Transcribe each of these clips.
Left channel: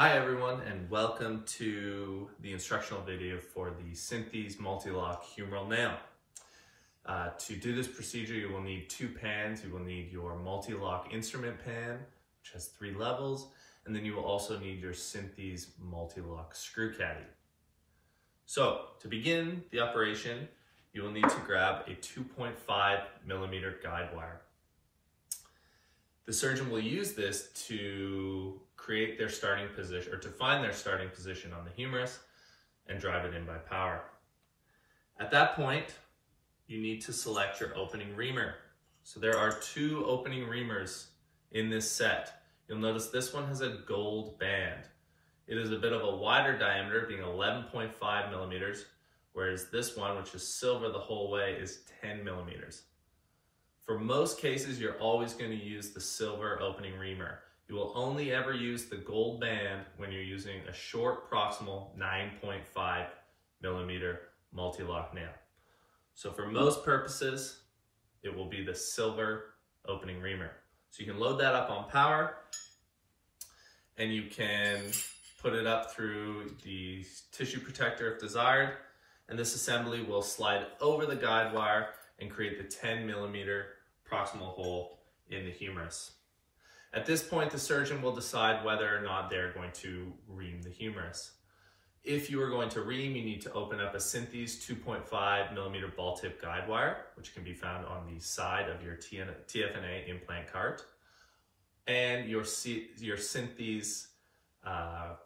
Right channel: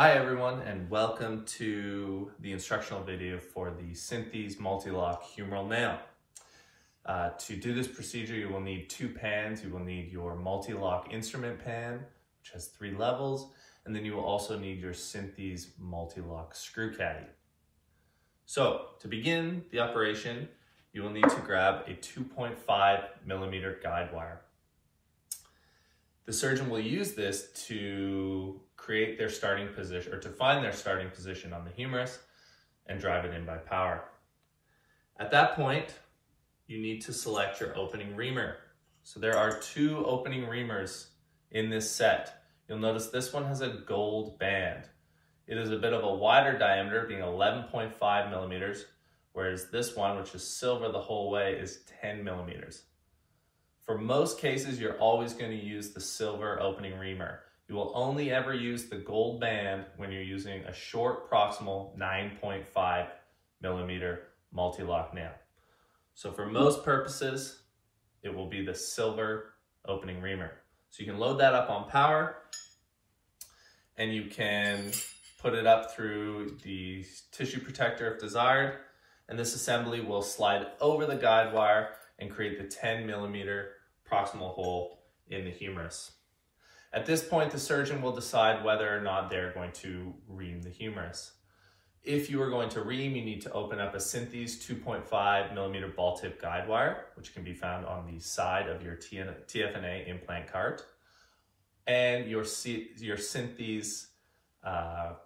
Hi everyone, and welcome to the instructional video for the Synthes Multiloc humeral nail. To do this procedure, you will need two pans. You will need your Multiloc instrument pan, which has 3 levels, and then you will also need your Synthes Multiloc screw caddy. So to begin the operation, you will need to grab a 2.5 millimeter guide wire. The surgeon will use this to create their starting position, or to find their starting position on the humerus and drive it in by power. At that point, you need to select your opening reamer. So there are 2 opening reamers in this set. You'll notice this one has a gold band. It is a bit of a wider diameter, being 11.5 millimeters, whereas this one, which is silver the whole way, is 10 millimeters. For most cases, you're always going to use the silver opening reamer. You will only ever use the gold band when you're using a short proximal 9.5 millimeter Multiloc nail. So for most purposes, it will be the silver opening reamer. So you can load that up on power and you can put it up through the tissue protector if desired. And this assembly will slide over the guide wire and create the 10 millimeter proximal hole in the humerus. At this point, the surgeon will decide whether or not they're going to ream the humerus. If you are going to ream, you need to open up a Synthes 2.5 millimeter ball tip guide wire, which can be found on the side of your TFNA implant cart, and your Synthes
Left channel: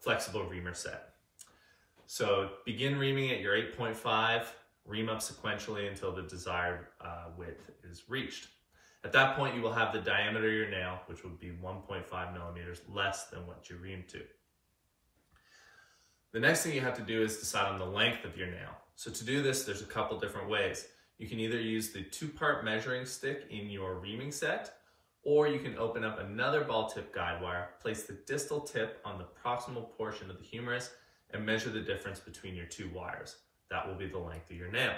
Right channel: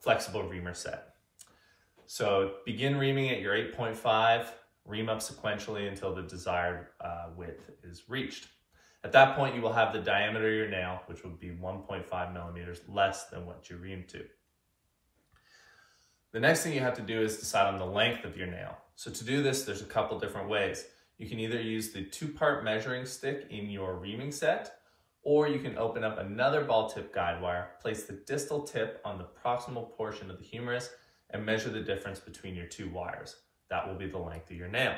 flexible reamer set. So begin reaming at your 8.5, ream up sequentially until the desired width is reached. At that point, you will have the diameter of your nail, which would be 1.5 millimeters less than what you reamed to. The next thing you have to do is decide on the length of your nail. So to do this, there's a couple different ways. You can either use the 2-part measuring stick in your reaming set, or you can open up another ball tip guide wire, place the distal tip on the proximal portion of the humerus, and measure the difference between your 2 wires. That will be the length of your nail.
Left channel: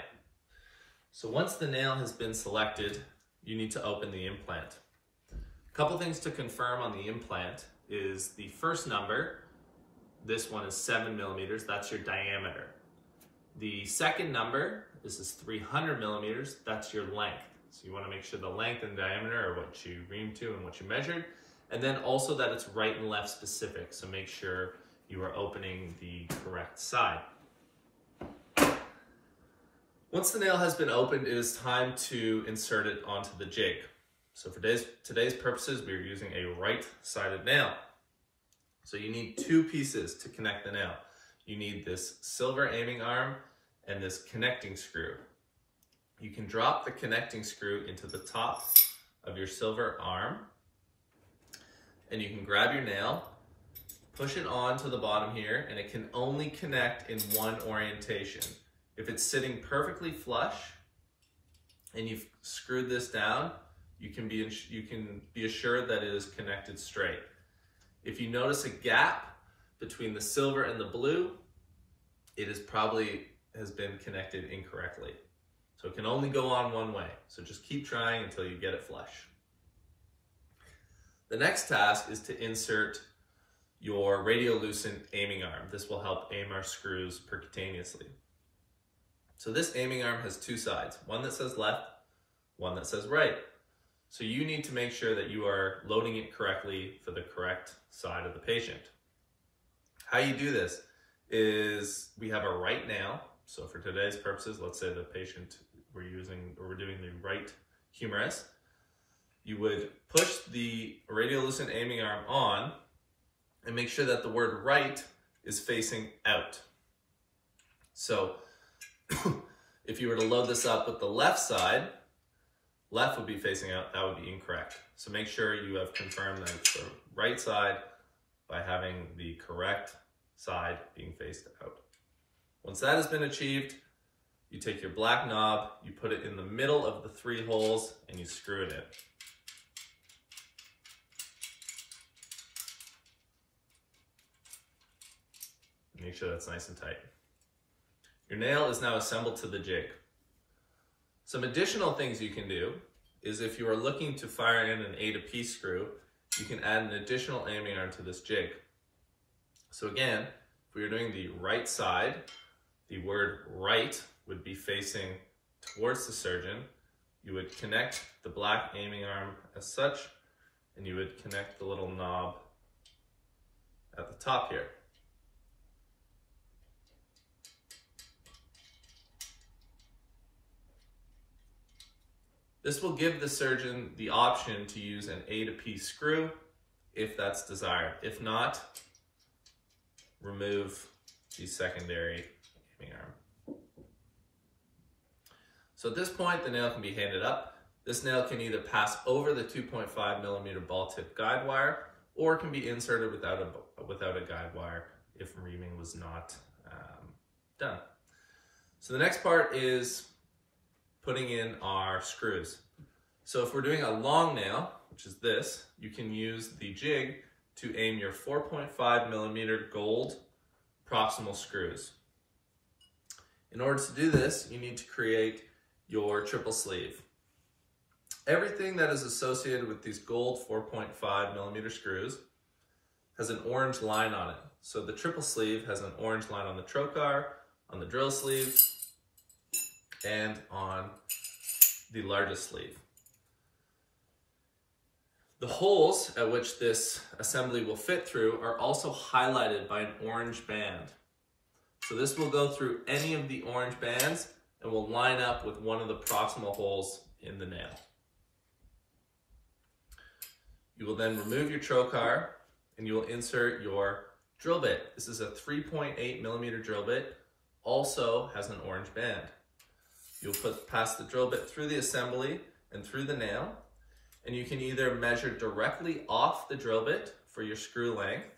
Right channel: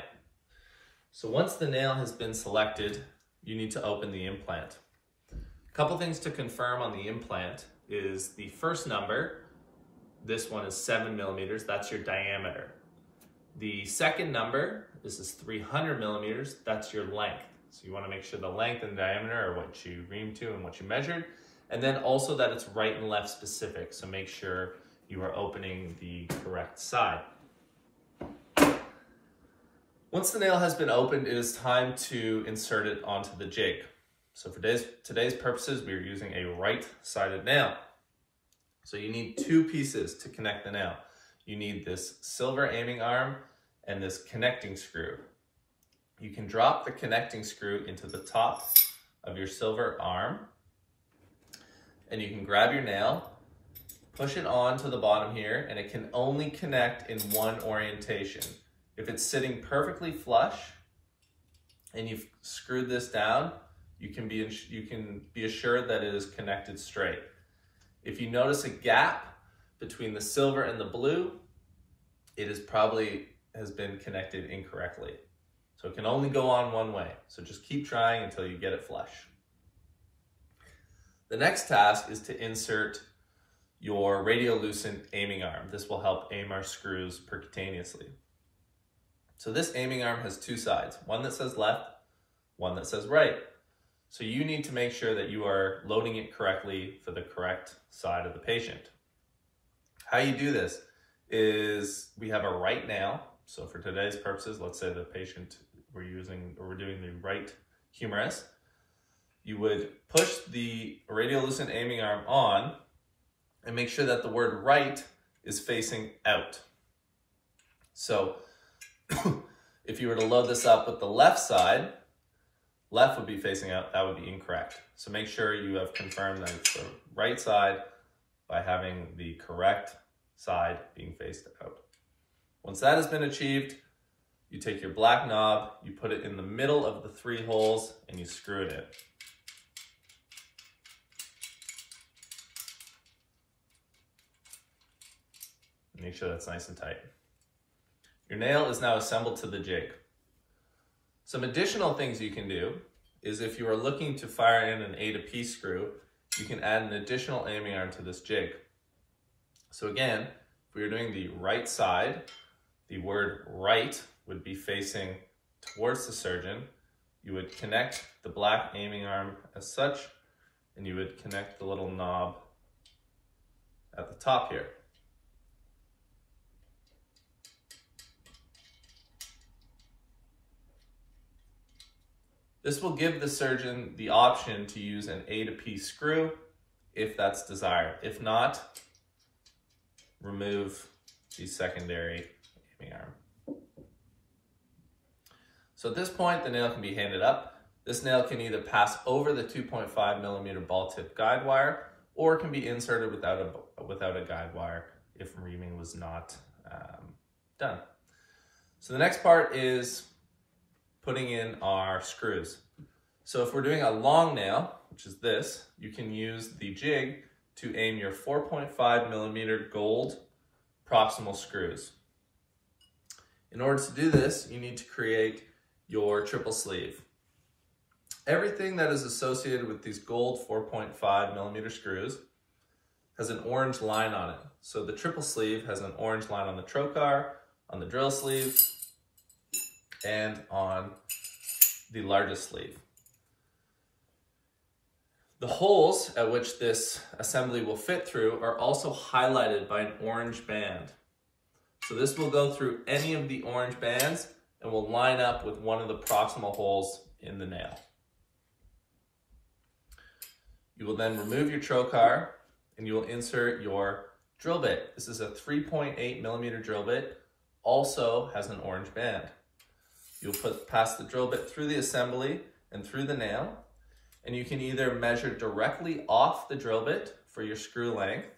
So once the nail has been selected, you need to open the implant. A couple things to confirm on the implant is the first number. This one is 7 millimeters, that's your diameter. The second number, this is 300 millimeters, that's your length. So you wanna make sure the length and diameter are what you reamed to and what you measured. And then also that it's right and left specific, so make sure you are opening the correct side. Once the nail has been opened, it is time to insert it onto the jig. So for today's purposes, we are using a right-sided nail. So you need 2 pieces to connect the nail. You need this silver aiming arm and this connecting screw. You can drop the connecting screw into the top of your silver arm, and you can grab your nail, push it on to the bottom here, and it can only connect in one orientation. If it's sitting perfectly flush and you've screwed this down, you can be assured that it is connected straight. If you notice a gap between the silver and the blue, it is probably has been connected incorrectly. So it can only go on one way. So just keep trying until you get it flush. The next task is to insert your radiolucent aiming arm. This will help aim our screws percutaneously. So this aiming arm has 2 sides, one that says left, one that says right. So you need to make sure that you are loading it correctly for the correct side of the patient. How you do this is we have a right nail. So for today's purposes, let's say the patient we're doing the right humerus. You would push the radiolucent aiming arm on and make sure that the word right is facing out. So if you were to load this up with the left side, left would be facing out, that would be incorrect. So make sure you have confirmed that it's the right side by having the correct side being faced out. Once that has been achieved, you take your black knob, you put it in the middle of the 3 holes, and you screw it in. Make sure that's nice and tight. Your nail is now assembled to the jig. Some additional things you can do is if you are looking to fire in an A to P screw, you can add an additional aiming arm to this jig. So again, if we were doing the right side, the word right would be facing towards the surgeon. You would connect the black aiming arm as such, and you would connect the little knob at the top here. This will give the surgeon the option to use an A to P screw if that's desired. If not, remove the secondary aiming arm. So at this point, the nail can be handed up. This nail can either pass over the 2.5mm ball tip guide wire, or it can be inserted without a guide wire if reaming was not done. So the next part is putting in our screws. So if we're doing a long nail, which is this, you can use the jig to aim your 4.5mm gold proximal screws. In order to do this, you need to create your triple sleeve. Everything that is associated with these gold 4.5mm screws has an orange line on it. So the triple sleeve has an orange line on the trocar, on the drill sleeve, and on the largest sleeve. The holes at which this assembly will fit through are also highlighted by an orange band. So this will go through any of the orange bands and will line up with one of the proximal holes in the nail. You will then remove your trocar and you will insert your drill bit. This is a 3.8mm drill bit, also has an orange band. You'll pass the drill bit through the assembly and through the nail, and you can either measure directly off the drill bit for your screw length,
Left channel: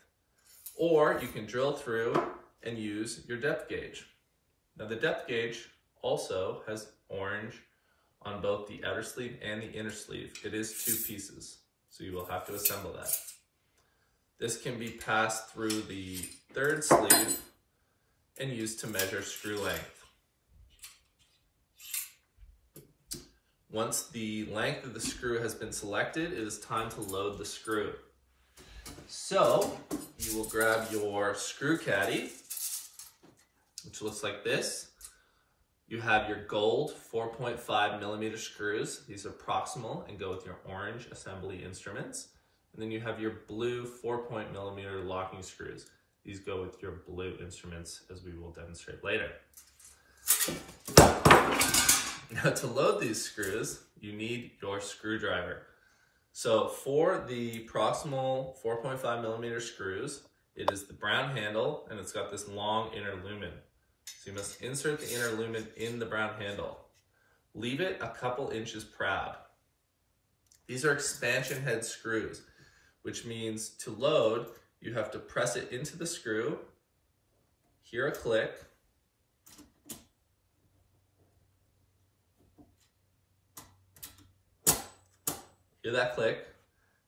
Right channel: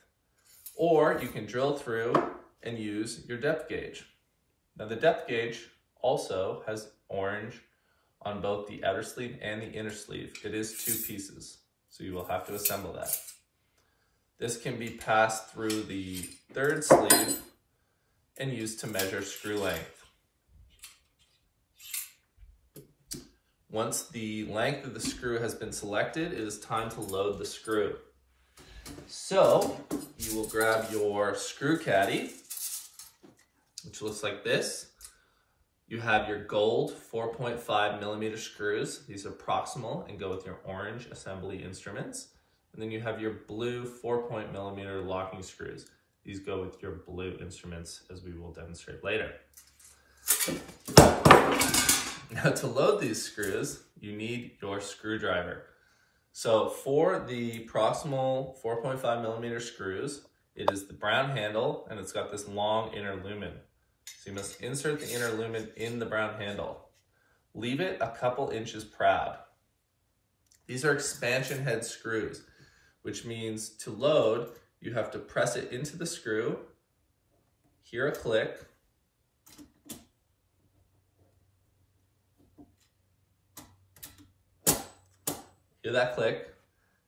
or you can drill through and use your depth gauge. Now the depth gauge also has orange on both the outer sleeve and the inner sleeve. It is 2 pieces, so you will have to assemble that. This can be passed through the 3rd sleeve and used to measure screw length. Once the length of the screw has been selected, it is time to load the screw. So you will grab your screw caddy, which looks like this. You have your gold 4.5mm screws. These are proximal and go with your orange assembly instruments. And then you have your blue 4.0mm locking screws. These go with your blue instruments, as we will demonstrate later. Now to load these screws, you need your screwdriver. So for the proximal 4.5mm screws, it is the brown handle and it's got this long inner lumen. So you must insert the inner lumen in the brown handle. Leave it a couple inches proud. These are expansion head screws, which means to load, you have to press it into the screw, hear a click, hear that click,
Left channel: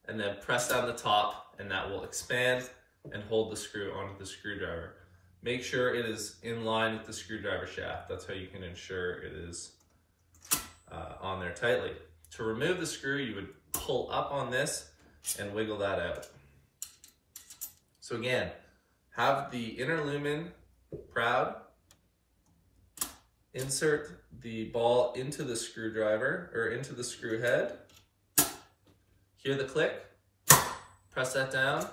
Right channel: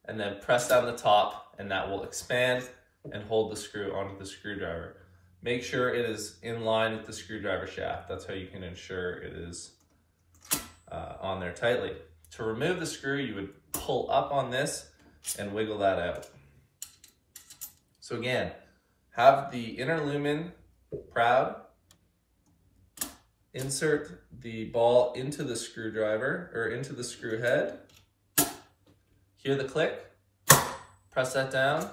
and then press down the top, and that will expand and hold the screw onto the screwdriver. Make sure it is in line with the screwdriver shaft. That's how you can ensure it is on there tightly. To remove the screw, you would pull up on this and wiggle that out. So again, have the inner lumen proud, insert the ball into the screwdriver or into the screw head, hear the click, press that down,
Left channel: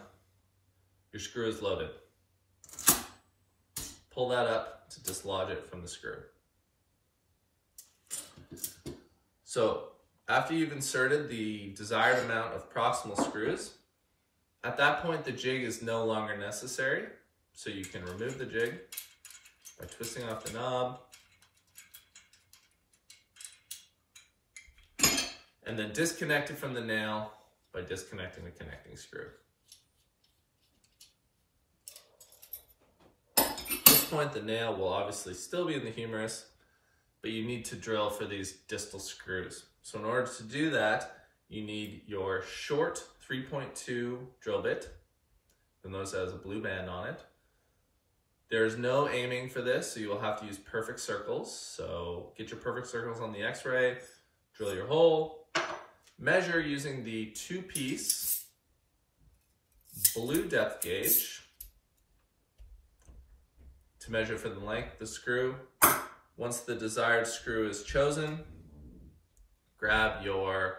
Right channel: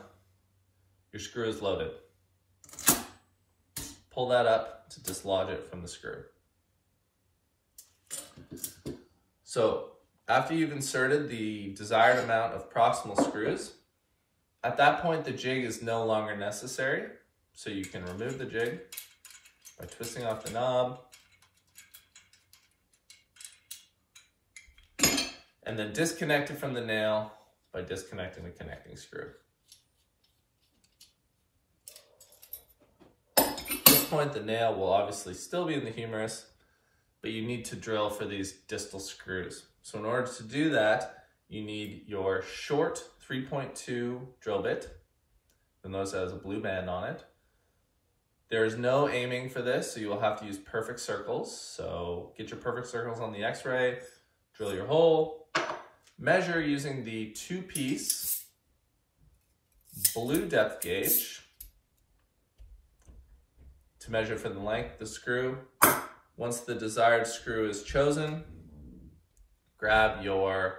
your screw is loaded. Pull that up to dislodge it from the screw. So after you've inserted the desired amount of proximal screws, at that point the jig is no longer necessary. So you can remove the jig by twisting off the knob and then disconnect it from the nail by disconnecting the connecting screw. At this point, the nail will obviously still be in the humerus, but you need to drill for these distal screws. So in order to do that, you need your short 3.2 drill bit. You'll notice that has a blue band on it. There is no aiming for this, so you will have to use perfect circles. So get your perfect circles on the x-ray, drill your hole, measure using the 2-piece blue depth gauge to measure for the length of the screw. Once the desired screw is chosen, grab your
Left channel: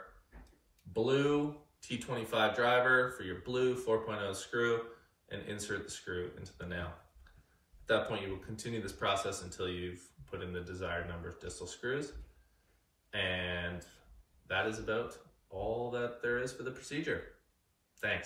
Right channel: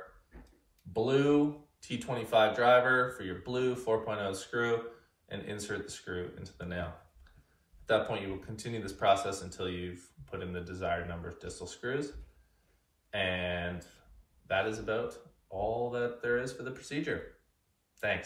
blue T25 driver for your blue 4.0 screw and insert the screw into the nail. At that point, you will continue this process until you've put in the desired number of distal screws. And that is about all that there is for the procedure. Thanks.